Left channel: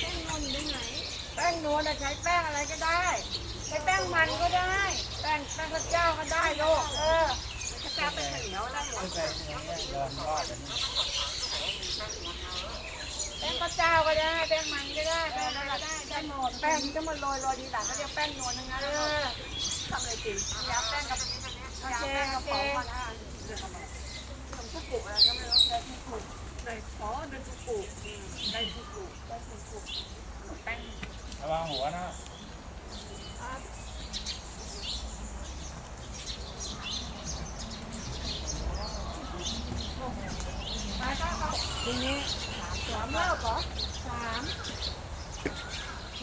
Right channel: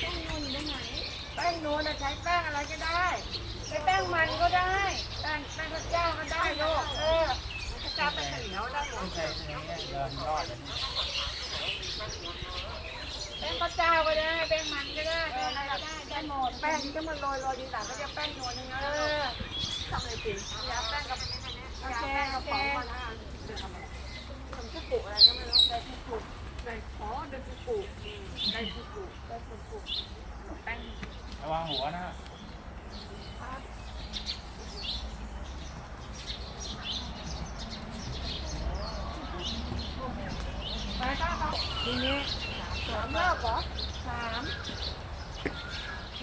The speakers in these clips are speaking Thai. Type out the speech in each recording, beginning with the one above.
แป้งนอนอยู่ตรงไหนแป้งนวลนะใช้แป้งอะไรก็ได้ ใช้แป้งมันก็ได้ ป้งแป้งข้าวเจ้าก็ได้ลูกเออข้าวเจ้าเป็นข้าวเหนียวได้หมดใส่เดินรอดเลยแป้งข้าวเจ้าก็ได้แป้งมันก็ได้แป้งอะไรก็ได้ได้หมดแป้งที่ต้องมาโรยโรยดีหลังก็เรียกแป้งนวลทั้งนั้นเลยทำอะไรสิยาแป้งกับยาแป้งกับของมาละทำชุกุอะไรก็ไม่รู้ได้ชุกุได้ขอได้ชุกุได้ชุกุได้ชุกุแป้งระวังหัวนะ ทีนี้สามรอบเหรอสาม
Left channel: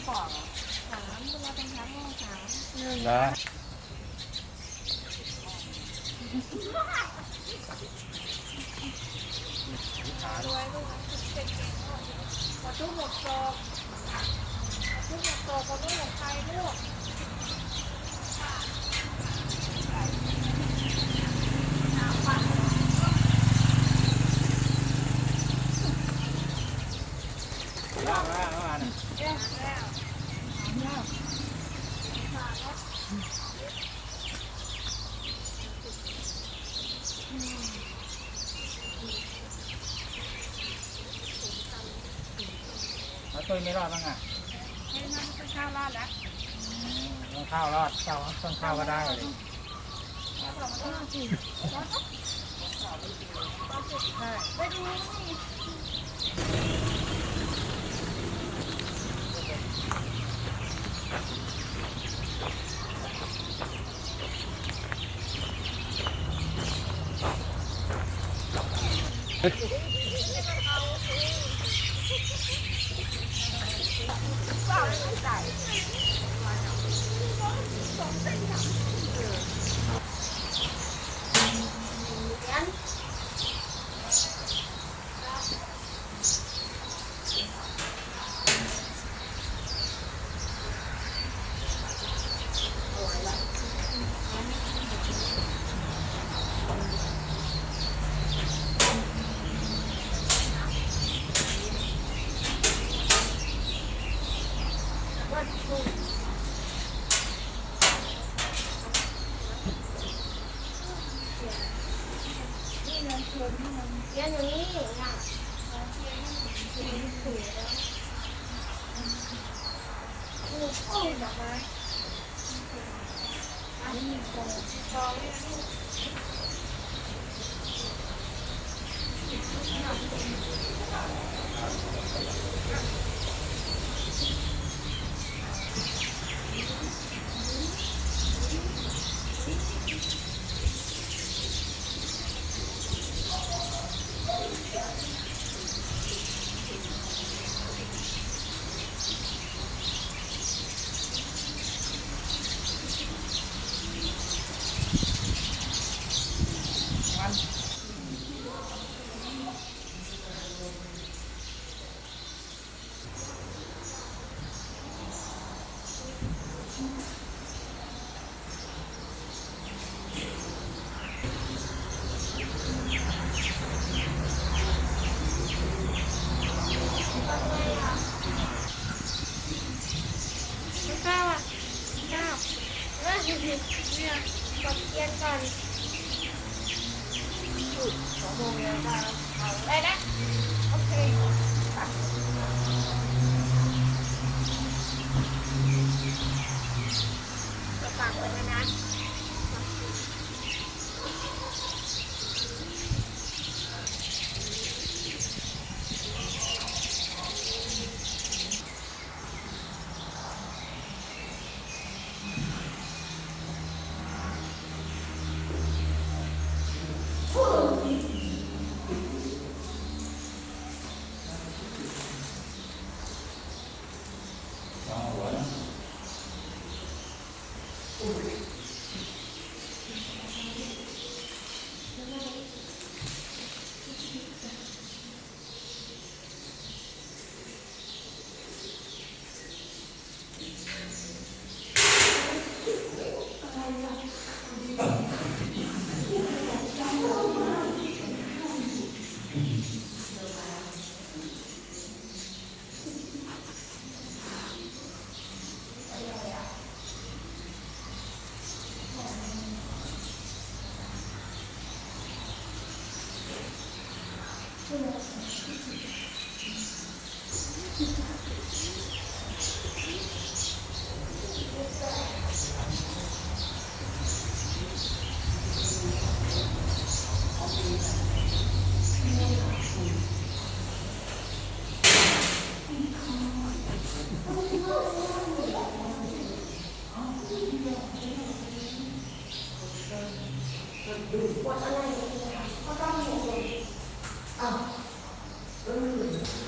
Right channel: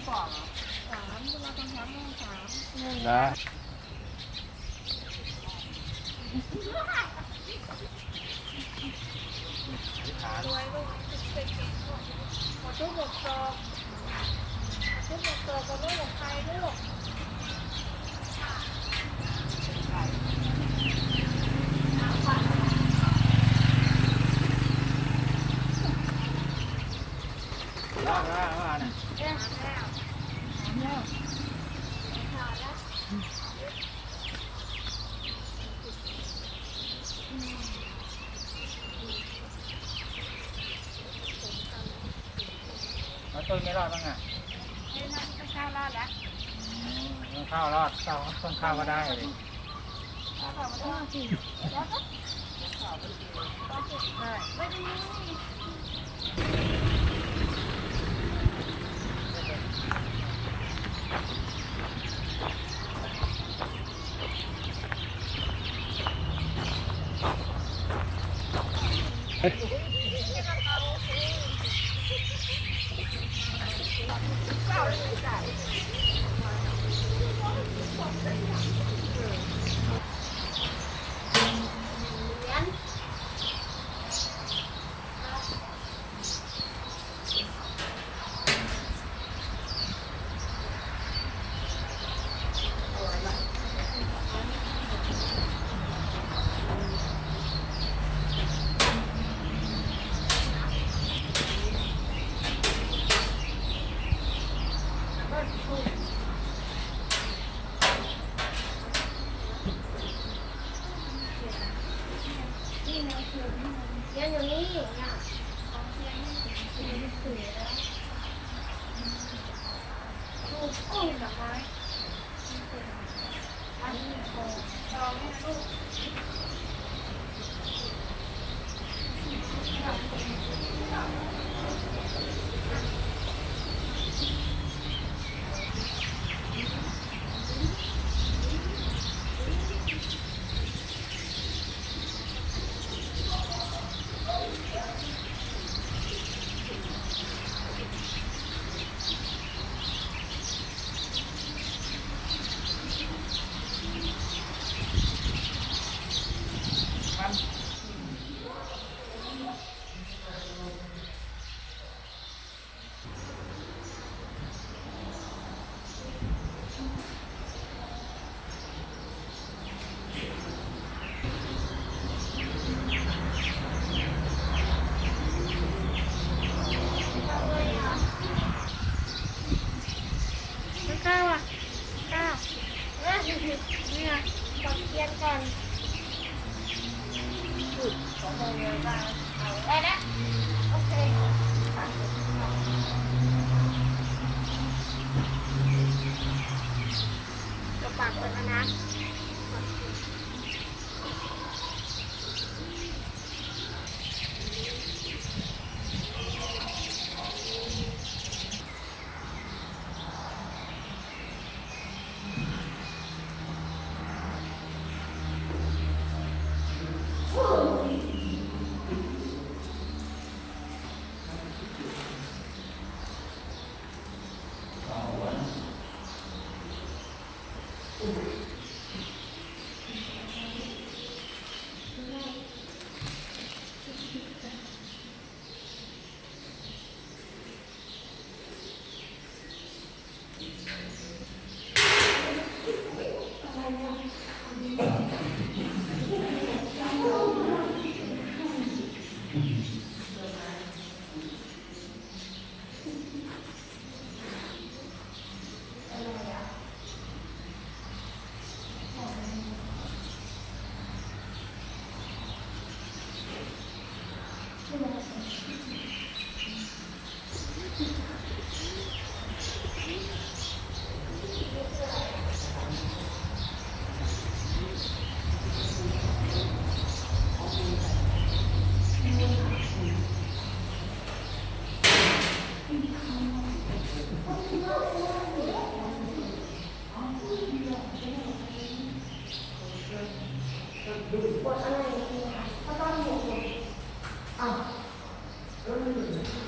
บอกเหรอสามเวลาต้องทำต้องสามหนึ่งนะรวยลูกเป็นเก่งลูกหมดทุกหมดศอกหมดทุกหมดศอกก็ลูกของใครลูกล่างล่างมาเนี่ยเอ๊ะแล้ว แล้วขาดแล้วแล้วตุ้ยไม่รอดบ้างอะให้นั่งข้าวราดแล้วต้นข้าวรอดข้าวต้นข้าวก็ได้เลยต้องสี่แล้วก็ใช่ไม่ดี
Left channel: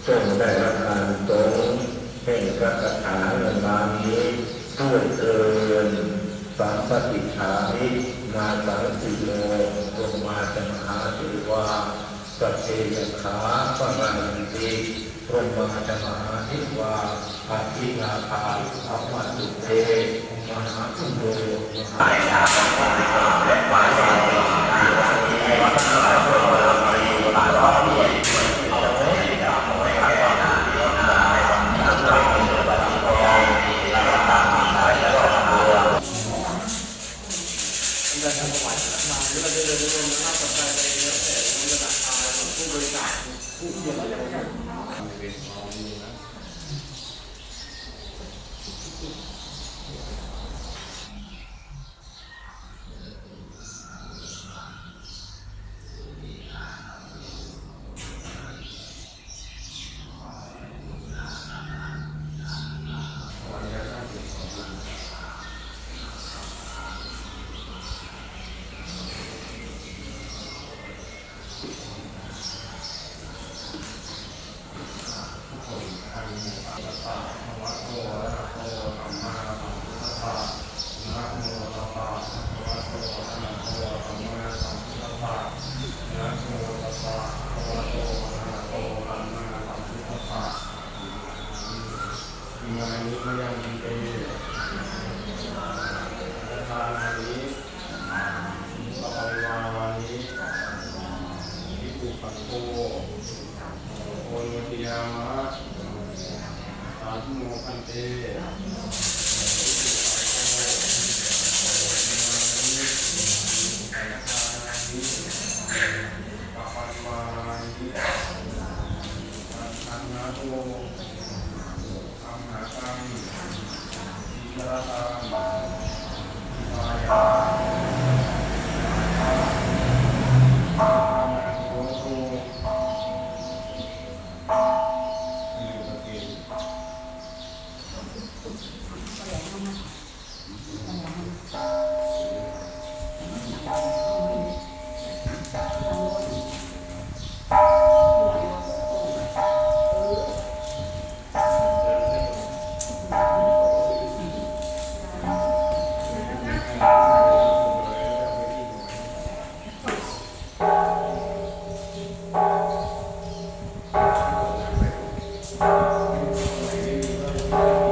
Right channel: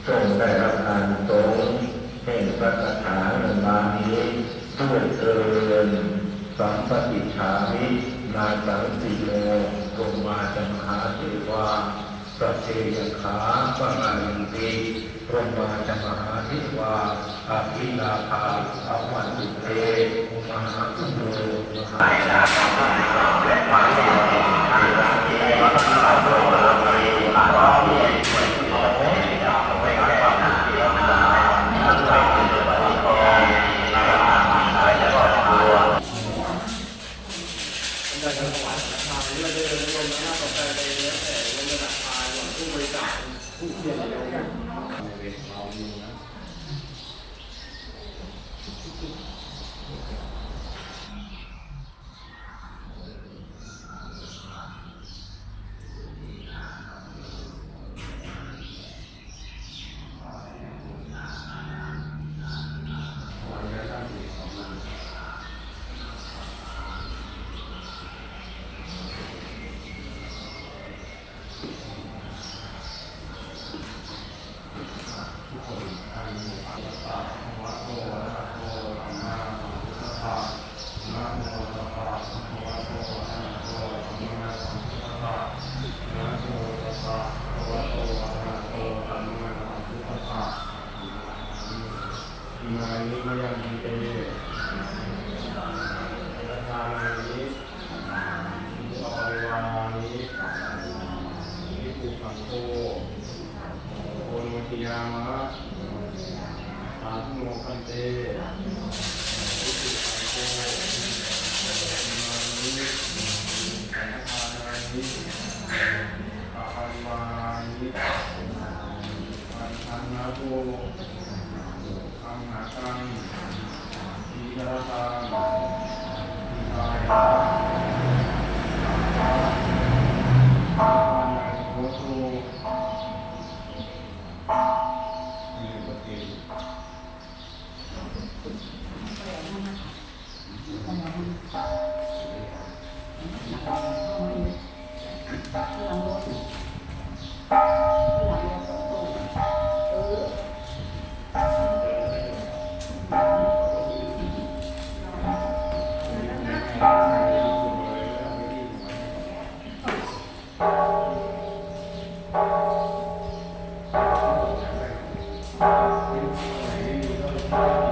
ทรงได้รับการสงฆ์แห่งพระคาถาในงานี้ด้วยเทินสามปฏิชามินาสังสิโลลงมาจมหาเทวาสพเพยขาปะมายันติลงมาจมหาเทวาอาภินาภาอวันตุเตมหาพุทโธมหา งครามในรถแส่โบราณไทยหลังผู้บริการผู้เชี่ยวชาญานนี้ก็ยังมีเอทานานี้อภัยวานานี้วิปุขังโฆโอนวัติยามะสาธุโมคันเตวิปุขังโมานี้สังฆานานี้อภัยวานานี้นนาโตอัมหากังอิยาตัง ร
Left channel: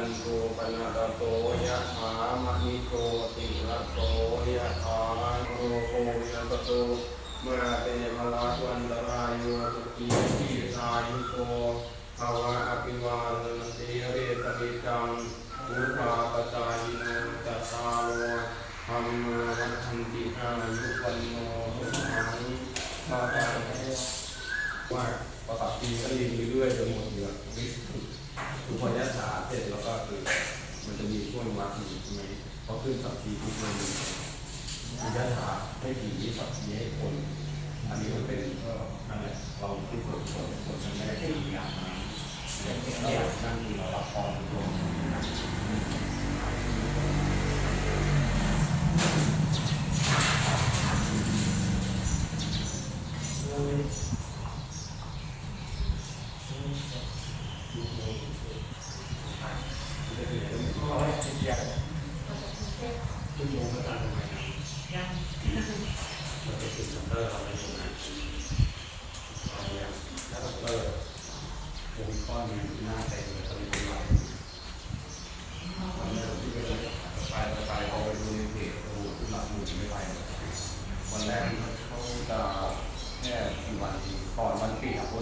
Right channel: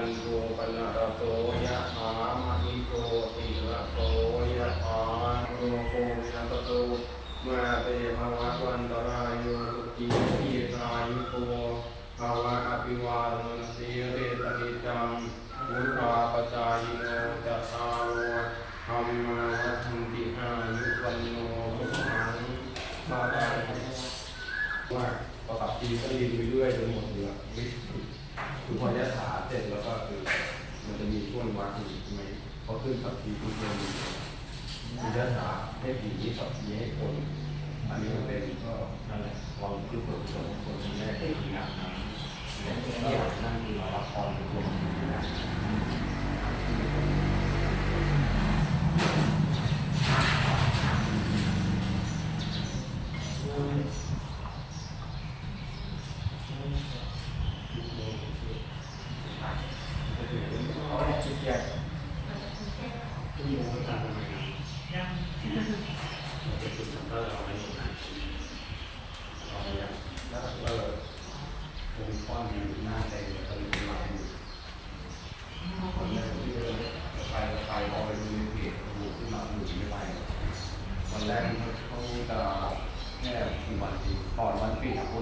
จันโทปนะระโตยะถามหิโตติระโตยะถาโนโควินัสโตมื่อเป็นภลาวันตรายโยสุขีทีสายุโกภาวะอภิวาทนสีเรตติจังอุราปจายโนจัตตาโลธรรมวัฏันติอายุวันโนสุขังมาได้ว่าภาษาจีนก็เรีไปเรื่อยจนหมดเนื้อ คือพอยะถาเสร็จแล้วก็คือมันจะมีช่วงวักอยู่ใช่ไหมพอขึ้นสับทีปุ๊บเนี่ยมันคือยะถาให้ผีสับทีให้คนอันนี้มันเป็นก็นั่นแหละเราคือผลผลผลมันไม่ได้ผีนะเรานั่งเราละครตัวผีนะ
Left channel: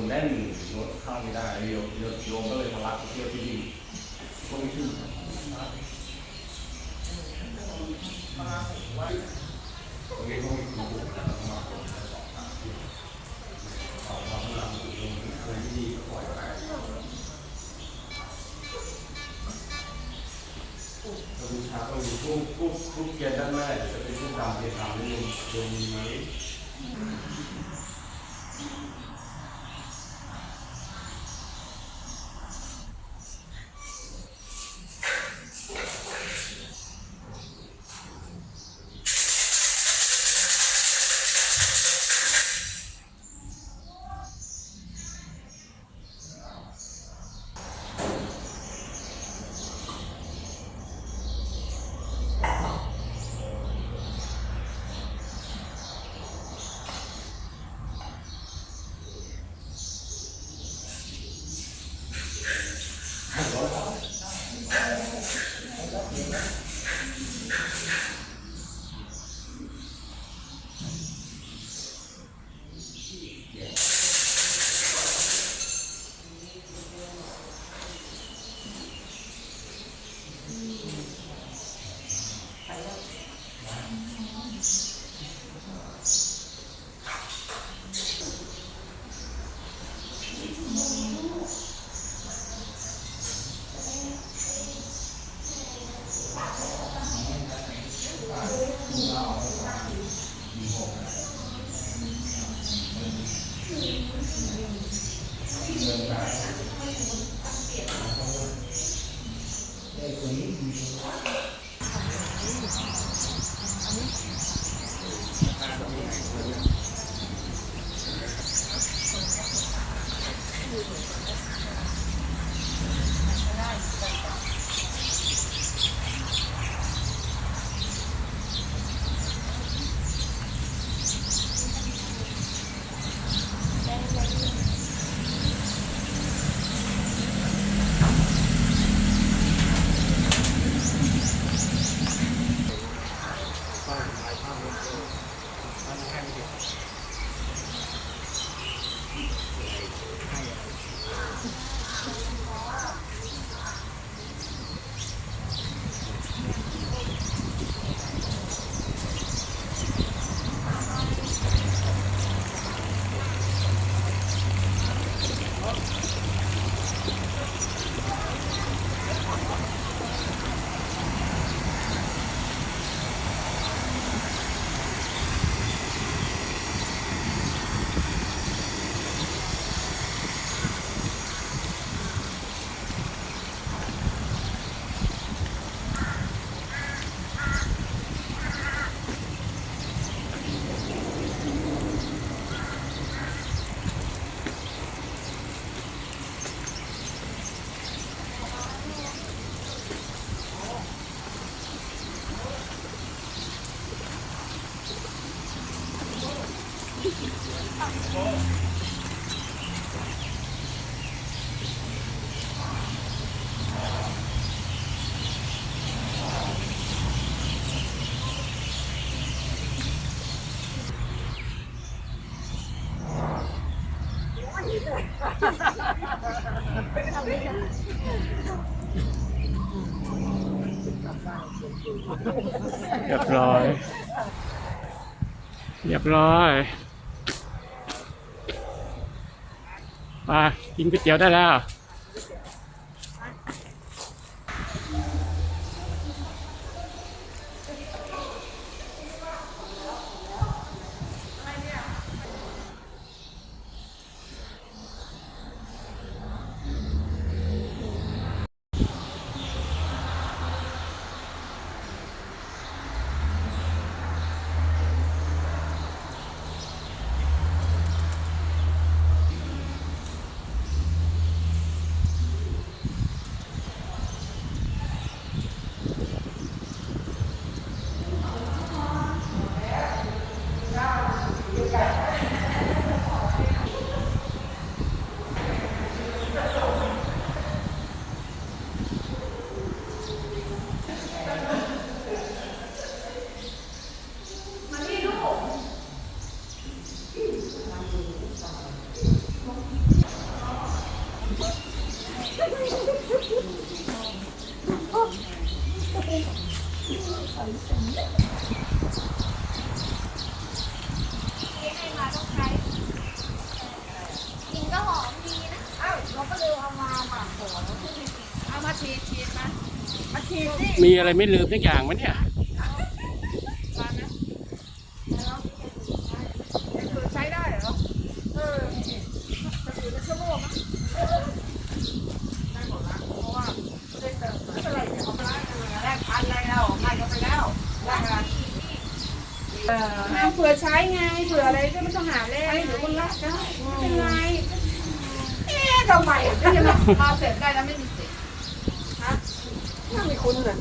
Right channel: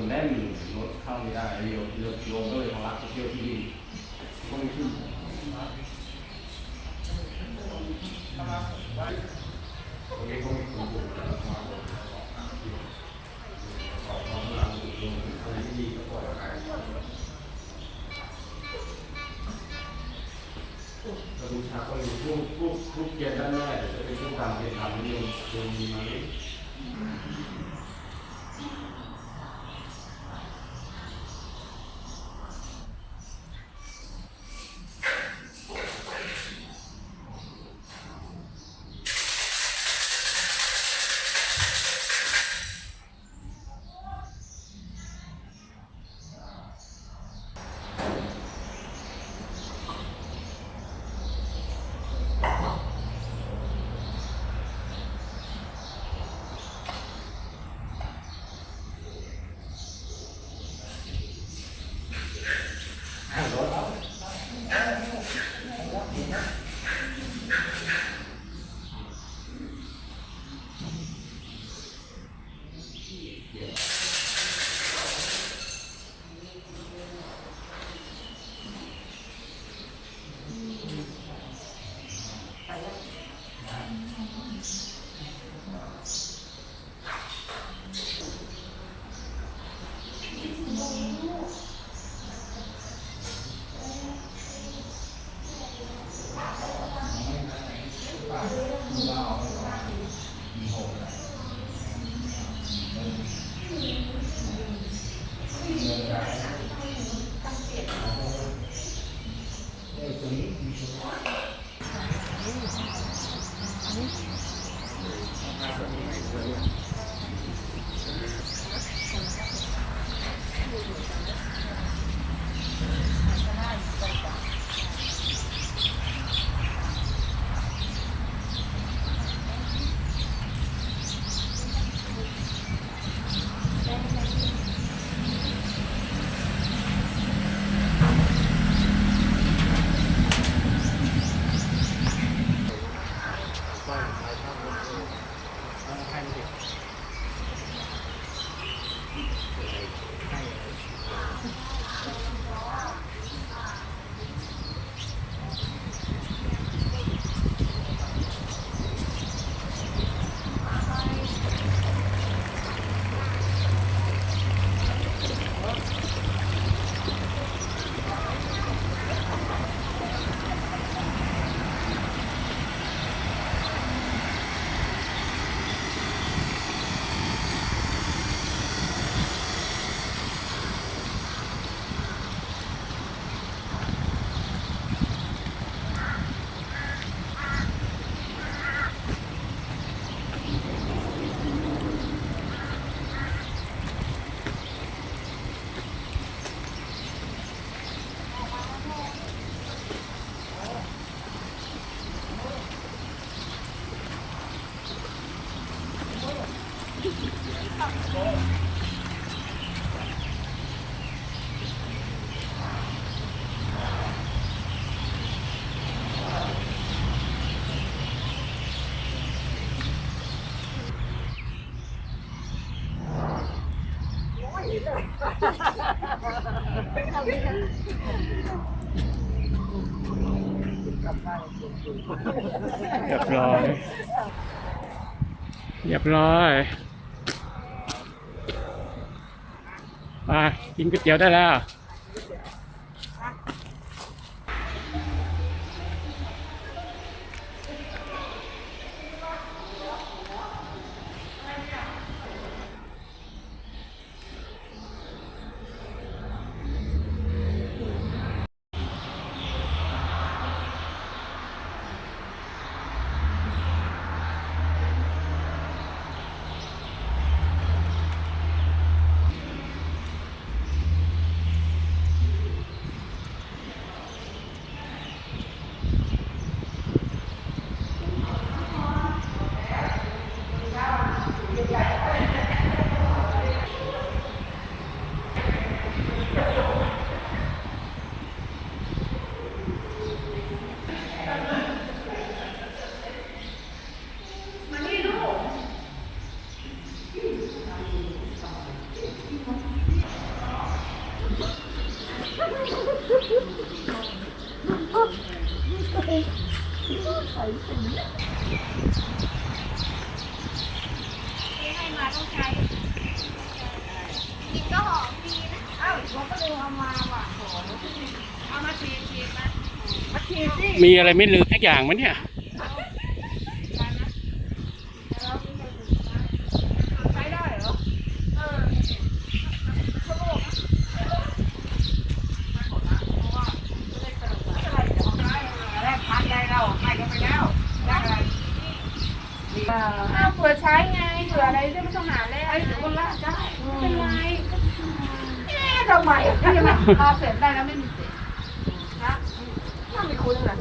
แน่นรถเข้าไม่ได้โยมโยมก็เลยทะลักไปเที่ยวที่ Yeah. เรียบร้อย เรียบร้อยมากินก๋วยเตี๋ยวได้แล้ว มีอะไรไม่ลืมสักอย่างมั้ยเนี่ยใช้ได้เหรอเออชั่วโมงแรกพันอะไรเราให้กันไปแล้วนเอาเผื่อใช้ไงเผื่ออะไรก็ไม่ต้องหาแล้วไอ้หรือคนละได้ไม่เป็นไรเอ๊ะทำไมอะยังไงพอเสร็จได้แล้วไม่มีสิทธิ์ฮะไม่มีคุณเลย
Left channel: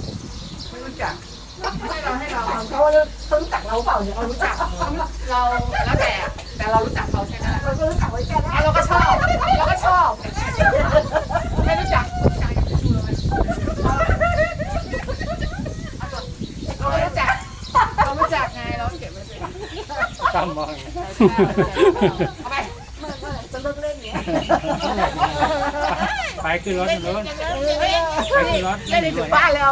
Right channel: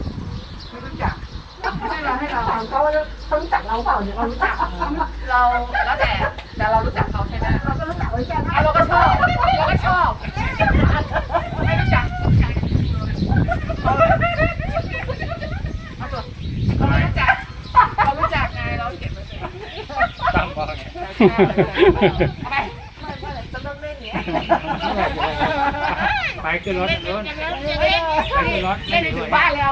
ไม่รู้จักให้เราให้เขาว่าเขารู้จักเราเปล่าเนี่ยเรารู้จักเราแล้วแต่แต่เรารู้จักเขาใช่ไหมเราก็รู้จักเขาใช่ไหมเราก็ชอบเราก็ชอบไม่รู้จักเรารู้จักเรารู้จักไงเราเก็บไว้เลยจำมาไงไปไหร่จะเลิกเล่นเนี่ยไปขึ้นรถขึ้นรถไปขึ้นรถเล่นถึงบ้านแล้ว